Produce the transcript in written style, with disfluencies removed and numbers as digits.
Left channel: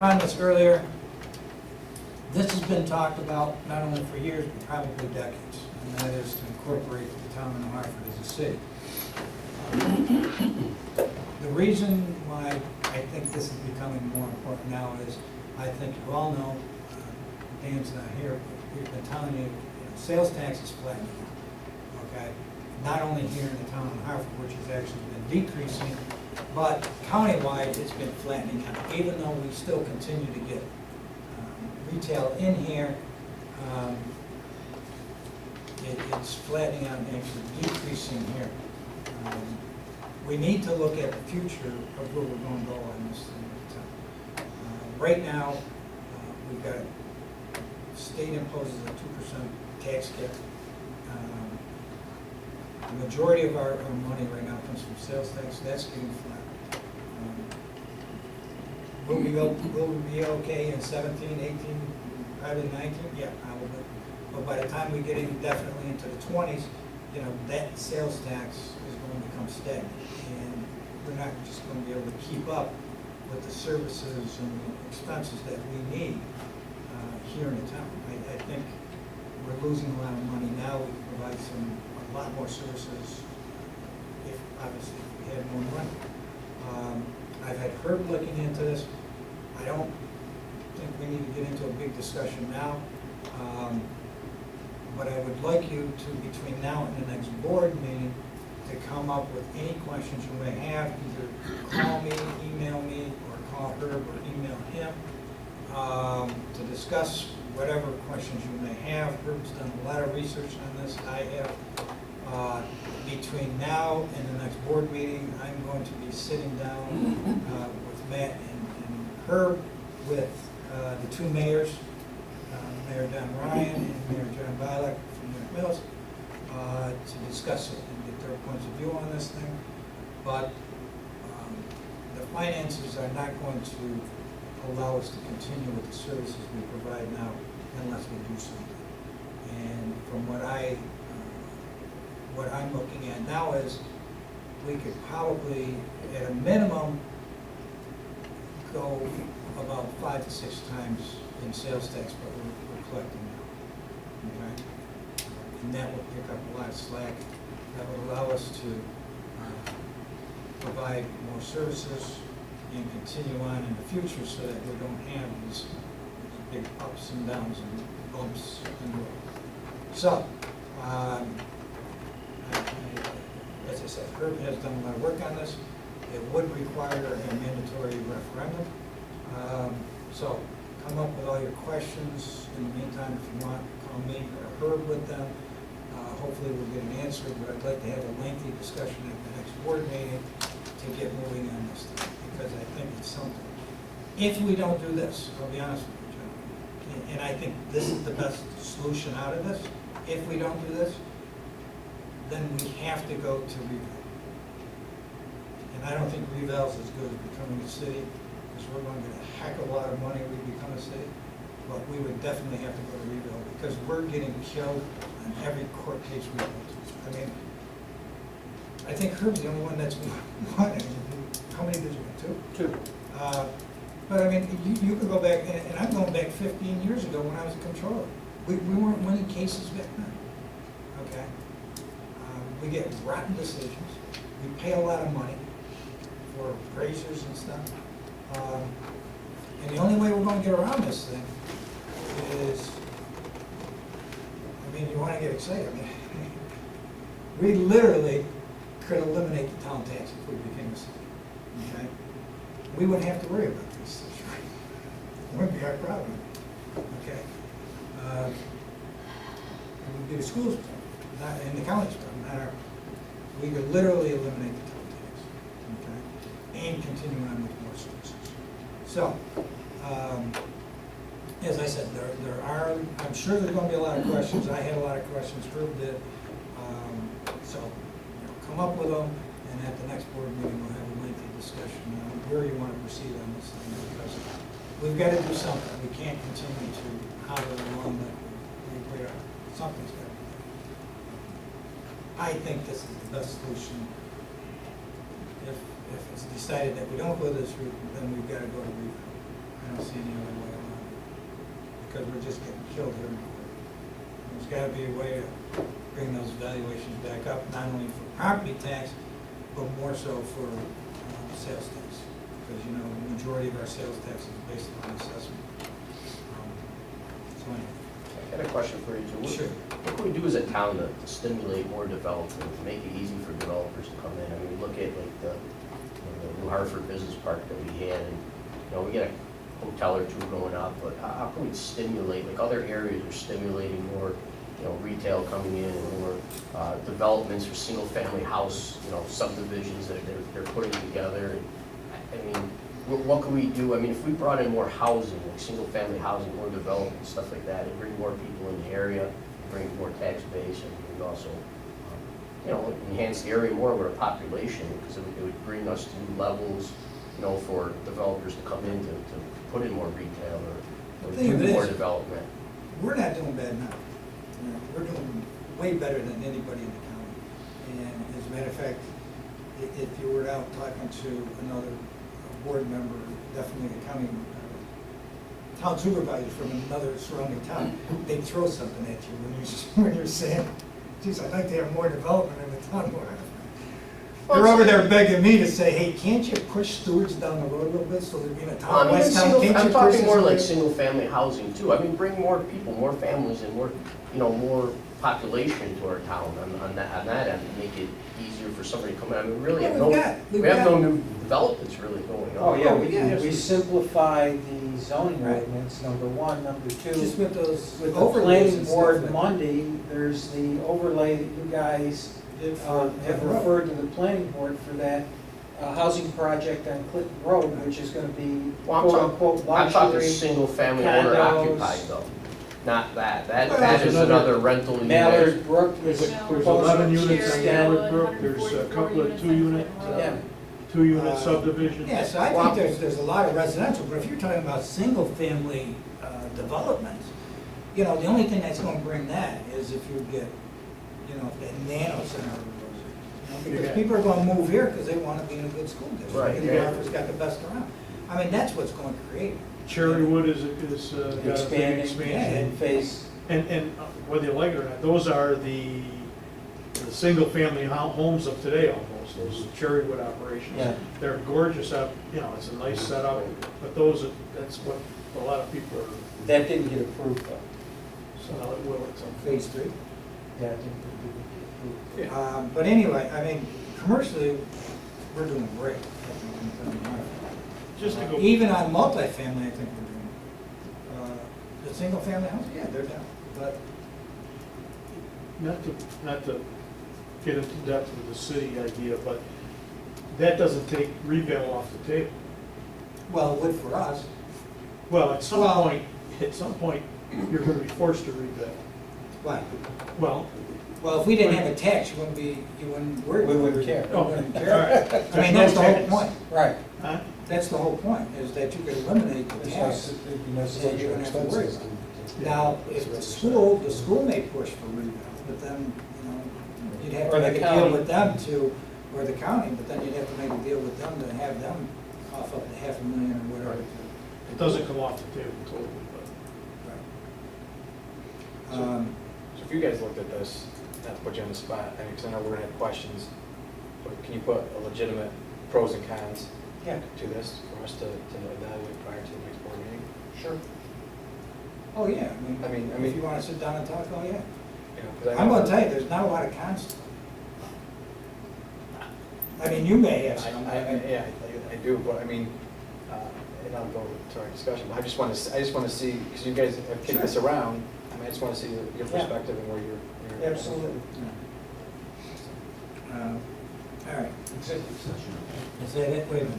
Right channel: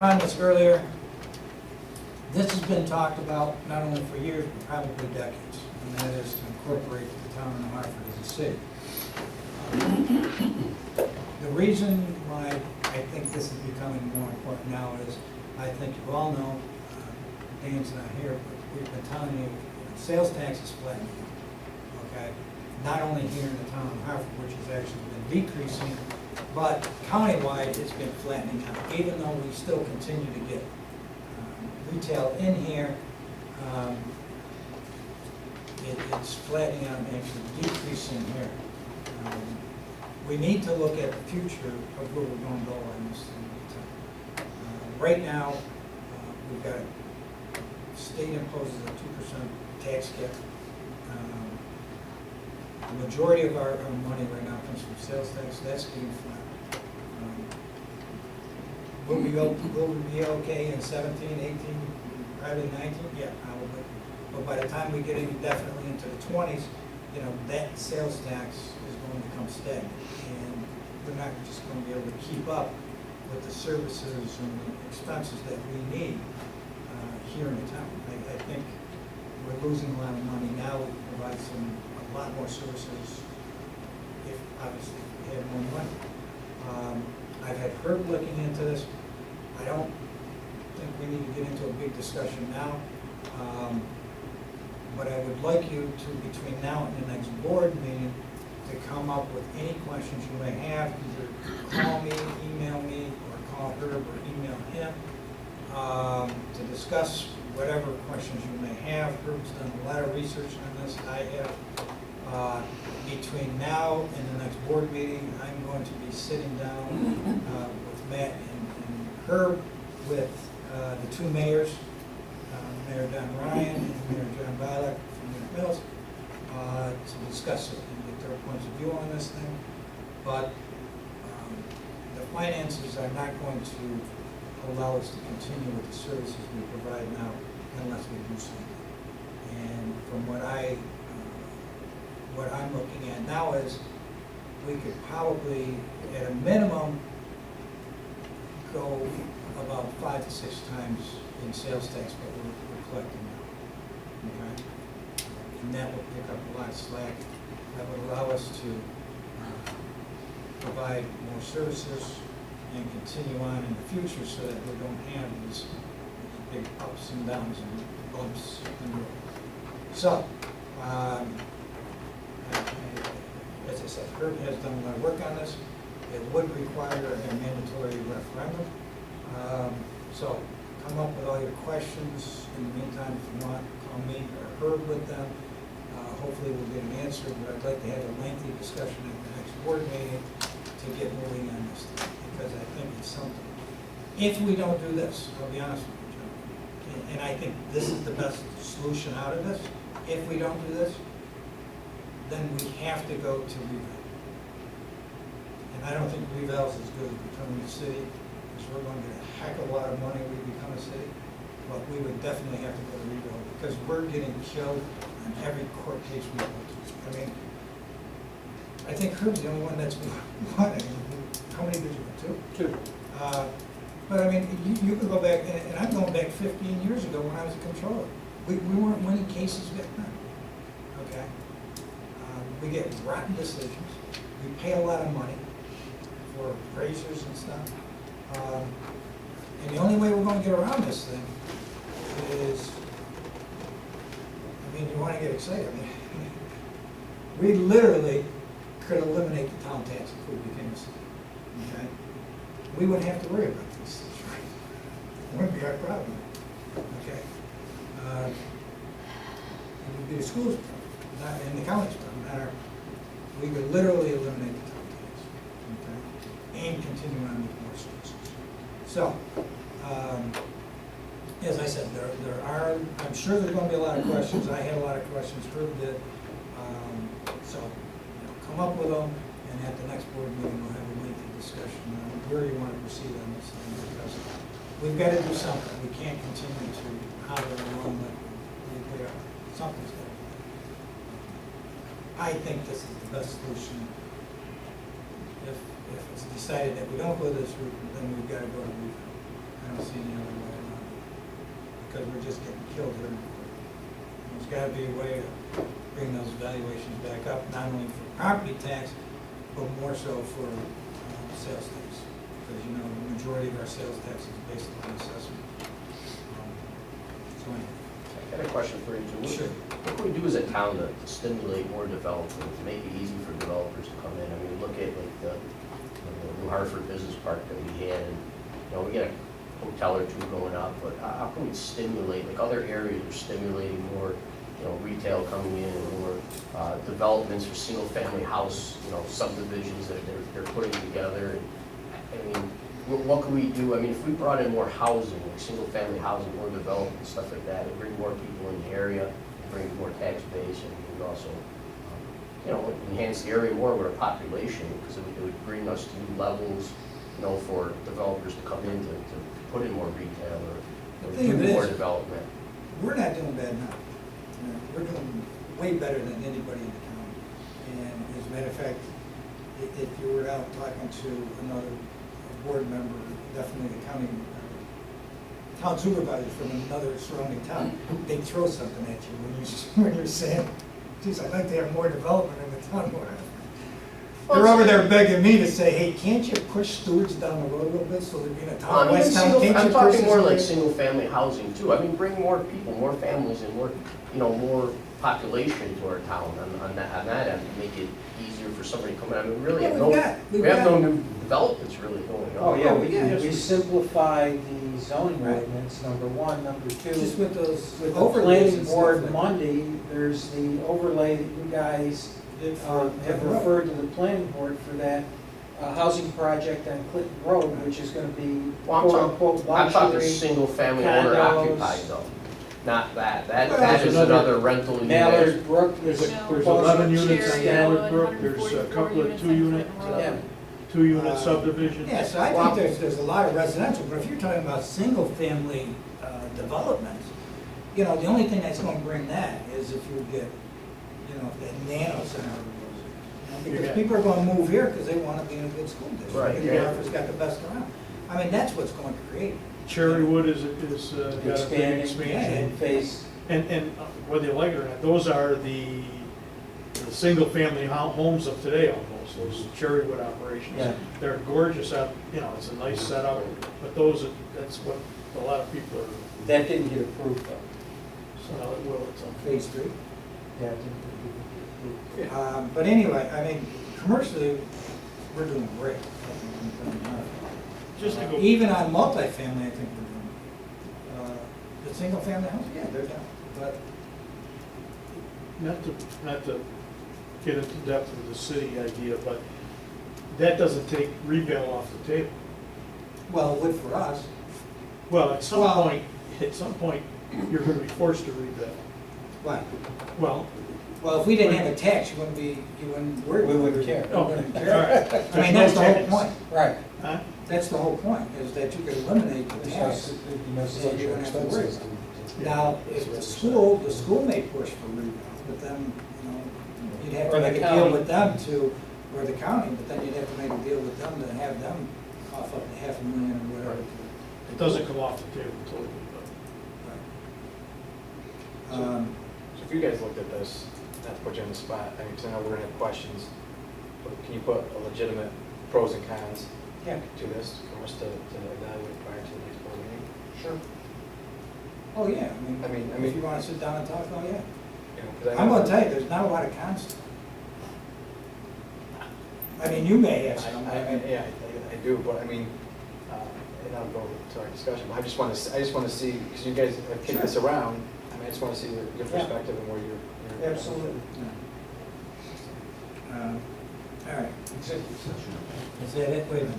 On this earlier, this has been talked about not only for years, but probably decades, and that is to incorporate the town of Hartford as a city. The reason why I think this is becoming more important now is, I think you all know, Dan's not here, but we've been telling you, sales tax is flattening out, okay? Not only here in the town of Hartford, which has actually been decreasing, but countywide, it's been flattening out, even though we still continue to get retail in here. It's flattening out and actually decreasing here. We need to look at the future of where we're going to go on this thing. Right now, we've got state imposes a 2% tax cap. The majority of our money right now comes from sales tax. That's getting flat. Will we be okay in 17, 18, probably 19? Yeah, probably. But by the time we get in definitely into the 20s, that sales tax is going to become stagnant. And we're not just going to be able to keep up with the services and the expenses that we need here in the town. I think we're losing a lot of money now. We can provide a lot more services if we had more money. I've had Herb looking into this. I don't think we need to get into a big discussion now. But I would like you to, between now and the next board meeting, to come up with any questions you may have. Either call me, email me, or call Herb or email him to discuss whatever questions you may have. Herb's done a lot of research on this. I have. Between now and the next board meeting, I'm going to be sitting down with Matt and Herb, with the two mayors, Mayor Don Ryan and Mayor John Bilek from New Mills, to discuss it and get their points of view on this thing. But the finances are not going to allow us to continue with the services we provide now unless we do something. And from what I'm looking at now is we could probably, at a minimum, go about 5 to 6 times in sales tax what we're collecting now. Okay? And that will pick up a lot of slack. That would allow us to provide more services and continue on in the future so that we don't have these big ups and downs and bumps in the road. So, as I said, Herb has done a lot of work on this. It would require a mandatory referendum. So come up with all your questions. In the meantime, if you want, call me or Herb with them. Hopefully we'll get an answer, but I'd like to have a lengthy discussion at the next board meeting to get moving on this thing, because I think it's something. If we don't do this, I'll be honest with you, gentlemen, and I think this is the best solution out of this. If we don't do this, then we have to go to revale. And I don't think revale is as good as becoming a city, because we're going to get a heck of a lot of money when we become a city. But we would definitely have to go to revale, because we're getting killed on every court case we go to. I mean, I think Herb's the only one that's won. How many did you win? 2? 2. But I mean, you could go back, and I'm going back 15 years ago when I was a controller. We weren't winning cases back then. Okay? We get rotten decisions. We pay a lot of money for appraisers and stuff. And the only way we're going to get around this thing is, I mean, you want to get excited. I mean, we literally could eliminate the town tax if we became a city. Okay? We wouldn't have to worry about these things, right? It wouldn't be our problem. Okay? It would be the school's problem, not in the county's problem. We could literally eliminate the town tax, okay, and continue on with more services. So, as I said, there are. I'm sure there's going to be a lot of questions. I had a lot of questions. Herb did. So, come up with them, and at the next board meeting, we'll have a lengthy discussion on where you want to proceed on this thing, because we've got to do something. We can't continue to holler along like we are. Something's got to be done. I think this is the best solution. If it's decided that we don't go this route, then we've got to go to revale. don't see any other way around it, because we're just getting killed here in court. There's gotta be a way to bring those valuations back up, not only for property tax, but more so for sales tax. Because, you know, the majority of our sales tax is based on assessment. So anyway. I got a question for you, Joe. Sure. What can we do as a town to stimulate more development, to make it easy for developers to come in? I mean, look at like the New Hartford Business Park that we had, and, you know, we got a hotel or two going up, but how can we stimulate, like other areas are stimulating more, you know, retail coming in, or developments for single-family house, you know, subdivisions that they're putting together. And, I mean, what can we do? I mean, if we brought in more housing, like single-family housing, more development, stuff like that, it'd bring more people in the area, it'd bring more tax base, and it would also, you know, enhance the area more with our population, because it would bring us to new levels, you know, for developers to come in to put in more retail or do more development. We're not doing bad enough. You know, we're doing way better than anybody in the county. And as a matter of fact, if you were out talking to another board member, definitely the county, town supervisor from another surrounding town, they'd throw something at you when you're saying, geez, I'd like to have more development in the town. They're over there begging me to say, hey, can't you push Stewart's down the road a little bit so there'd be in a town, I mean, West Town, can't you I'm push talking this more way? like single-family housing too. I mean, bring more people, more families, and more, you know, more population to our town on that end, make it easier for somebody to come in. I mean, really, Yeah, we have no new developments really going on. Oh, yeah, yeah. we simplified the zoning Right. ordinance, number one. Number two, Just with those with the overlays planning and board stuff like- Monday, there's the overlay that you guys have referred to the planning board for that housing project on Clinton Road, which is gonna be Well, quote-unquote I'm talking luxury. single-family owner condos. occupied though, not that. That Well, is there's another rental unit. Mallard Brook is There's proposed 11 to units on extend. Mallard Brook, there's a couple of Yeah. two-unit subdivisions. Yeah, so I think there's a lot of residential, but if you're talking about single-family development, you know, the only thing that's gonna bring that is if you get, you know, that nano center. Because Yeah. people are gonna move here because they wanna be in a good school district. Right, And yeah. Hartford's got the best around. I mean, that's what's going to create. Cherrywood is got a big Expanding expansion. and phase. And whether you like it or not, those are the single-family homes of today almost, those Cherrywood operations. Yeah. They're gorgeous up, you know, it's a nice setup, but that's what a lot of people are, That didn't get approved though. so now it will at some point. Phase 3. Yeah, it didn't get approved. But anyway, I mean, commercially, we're doing great. Just to go. Even on multifamily, I think we're doing. The single-family house, yeah, they're down. But Not to get into depth with the city idea, but that doesn't take revale off the table. well, it would for us. Well, at Well- some point, you're gonna be forced to revale. Why? Well, Well, if we didn't have a tax, you wouldn't worry. We wouldn't care. You wouldn't all care. right. I mean, that's the whole There's no point. Right. Huh? That's the whole point, is that you could eliminate the tax. So you don't have to worry about it. Now, if the school may push for revale, but then, you know, you'd have to Or the make a deal county. with them to, or the county, but then you'd have to make a deal with them to have them cough up to $500,000 or whatever. It doesn't come off the table totally, but. Right. So if you guys looked at this, not to put you on the spot, I mean, because I know we're gonna have questions, but can you put a legitimate pros and cons Yeah, to this for us to evaluate prior to the next board meeting? sure. Oh, yeah, I mean- if you wanna sit down and talk, oh, yeah. You know, 'cause I I'm know- gonna tell you, there's not a lot of cons to it. I mean, you may have some. Yeah, I do, but I mean, and I'll go to our discussion, but I just want to see, because you guys have kicked this around, I mean, I just want to see your Yeah. perspective and where you're. Absolutely. All right. Executive session. Is that it? Wait a minute.